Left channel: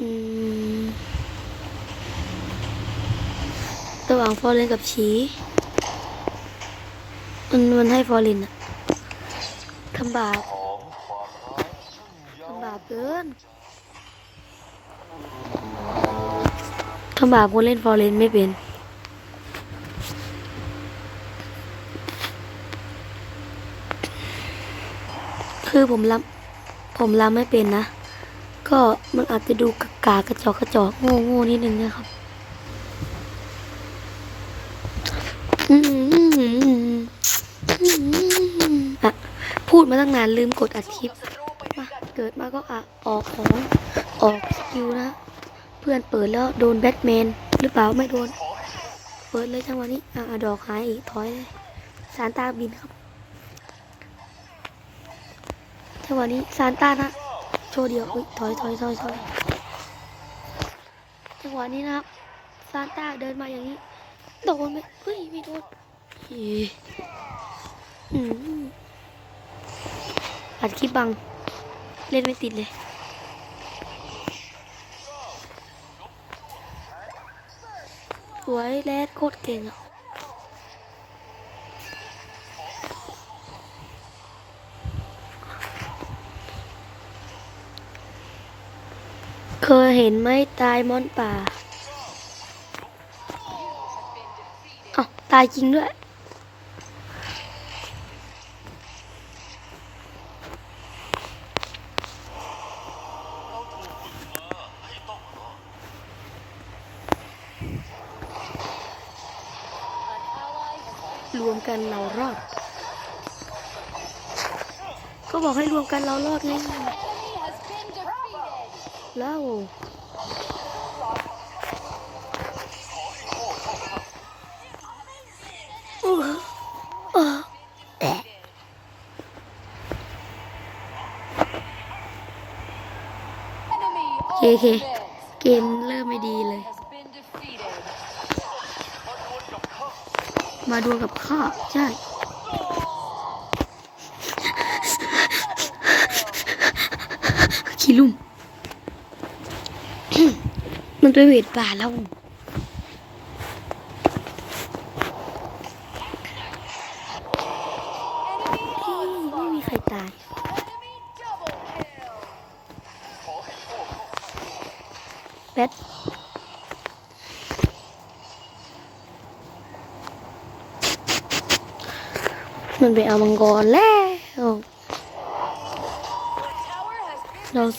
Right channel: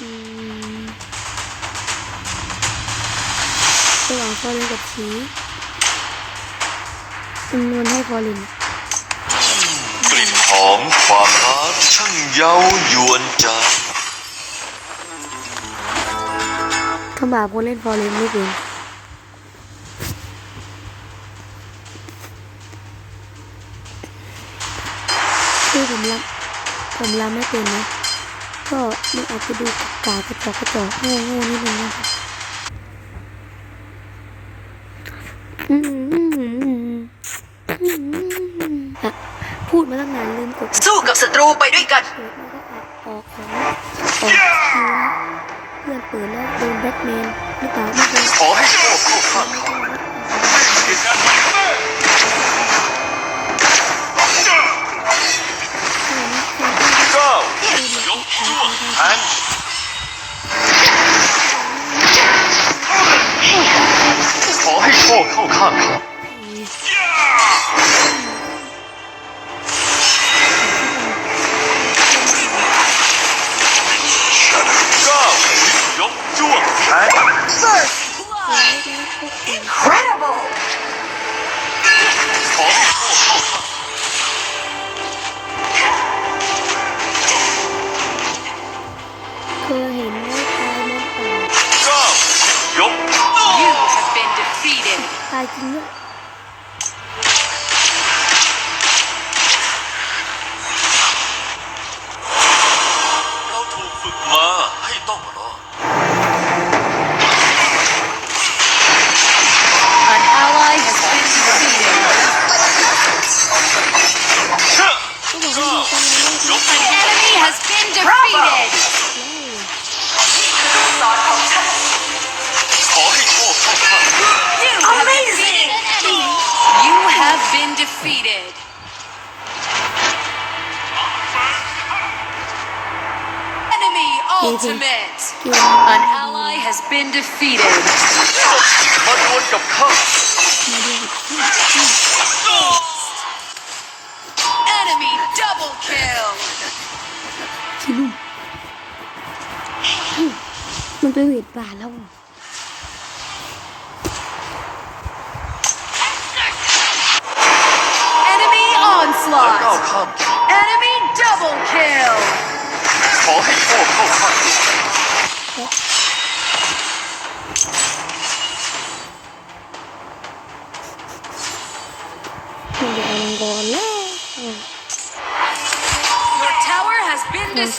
อืมระหว่างฟอร์เรนกับชีมันมันให้ฟอร์เรนอะทำบาปหอมความรักช่างเย้ายวนใจทำบาปคนเล่นฟอร์เรนไม่เป็นคือผมรับผมรับไม่เป็นนะ ก็มันอาจจะดูกากากระจอกกระจอกโง่โง่นิดนึงนะครับอืมอืมอืมอืมอะพูดมาตั้งนานลืมกดอัดสู้กับศัตรูไปด้วยกันเปิดมาก็อะออกของออกคิวนะเพื่อนเปิดแล้วโดนแบทแมนหรือเปล่าไม่โดนขอให้โชคเข้าเปิดไม่เข้านะเอาเอาดอกเข ช่ใช่ใช่แทใช่งขอให้โชคเข้าข้างเขาขอบที่บังเล่นไม่ติดเลยเก้ายกจ้วงแทงสวยแล้วโคตรเก่ง ยเห็นไหมตายมอนป่าเก้ายก You have been defeated อ้าวตายจริงด้วยเราถูกฝึกมาให้ต้องรอด An ally has been รวมกัน defeated แล้วเชื่อก็บอกให้รวมกันแล้วรอบนี้ An enemy has been defeated แล้ว ขอให้โชคเข้าข้าง You have defeated an enemy You have been defeated Enemy ultimate เกม An ดี ally has been defeated มาดวลกับข้า มาดูกับข้าวข้าว Enemy double kill ขี้ลุ่มอืม มันตัวเวทป่าแล้ว Enemy ก้าว onslaught ข้าม Enemy double kill ขอให้โชคเข้าข้างแพทมันไปเอามังกรแล้วอ้าว Your tower has been Sounds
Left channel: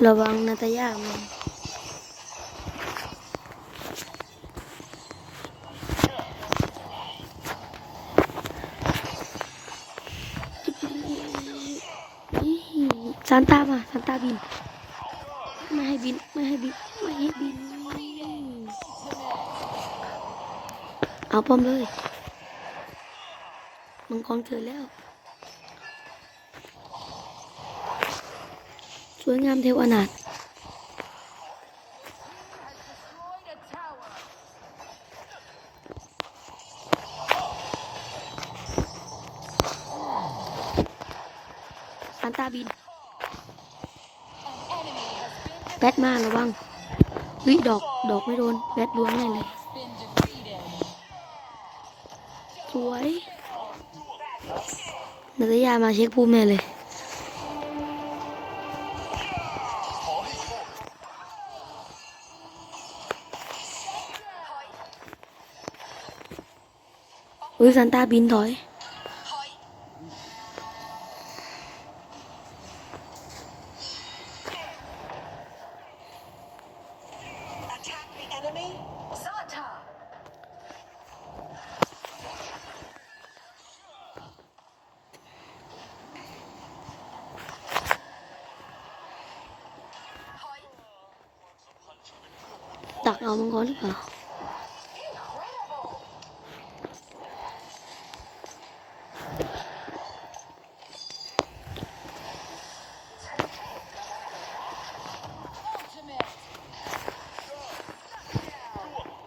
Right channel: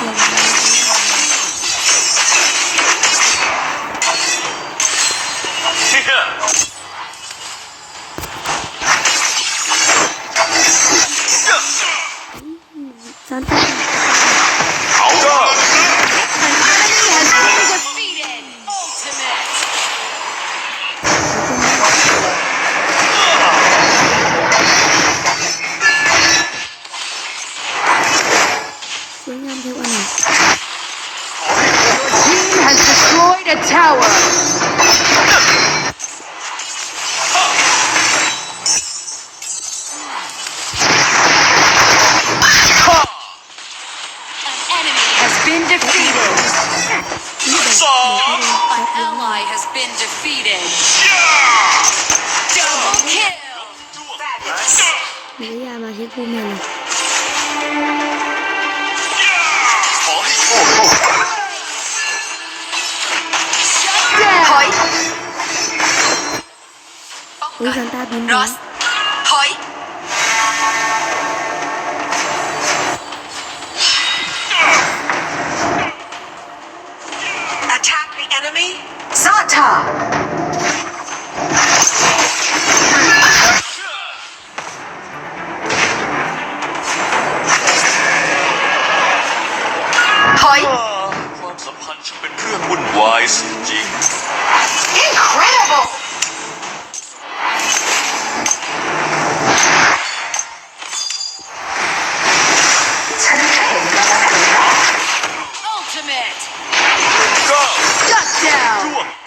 Lubangnya. tướng rồi Mình ra mà sẽ cu mẹ này. Ui, Santa biến đó Ta. Incredible! Ultimate! Go! Shut down!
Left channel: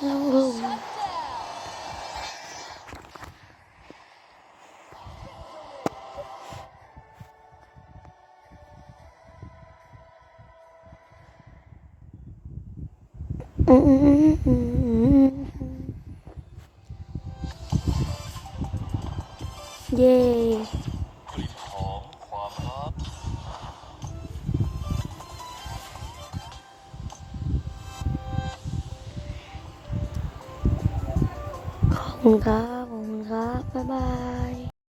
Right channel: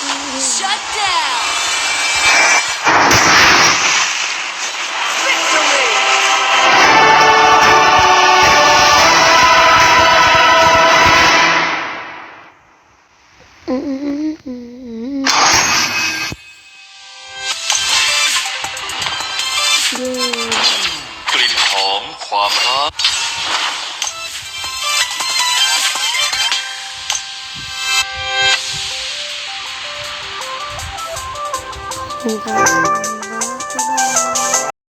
Shut down. Victory. เย้ 감사합니다. 감사합니다.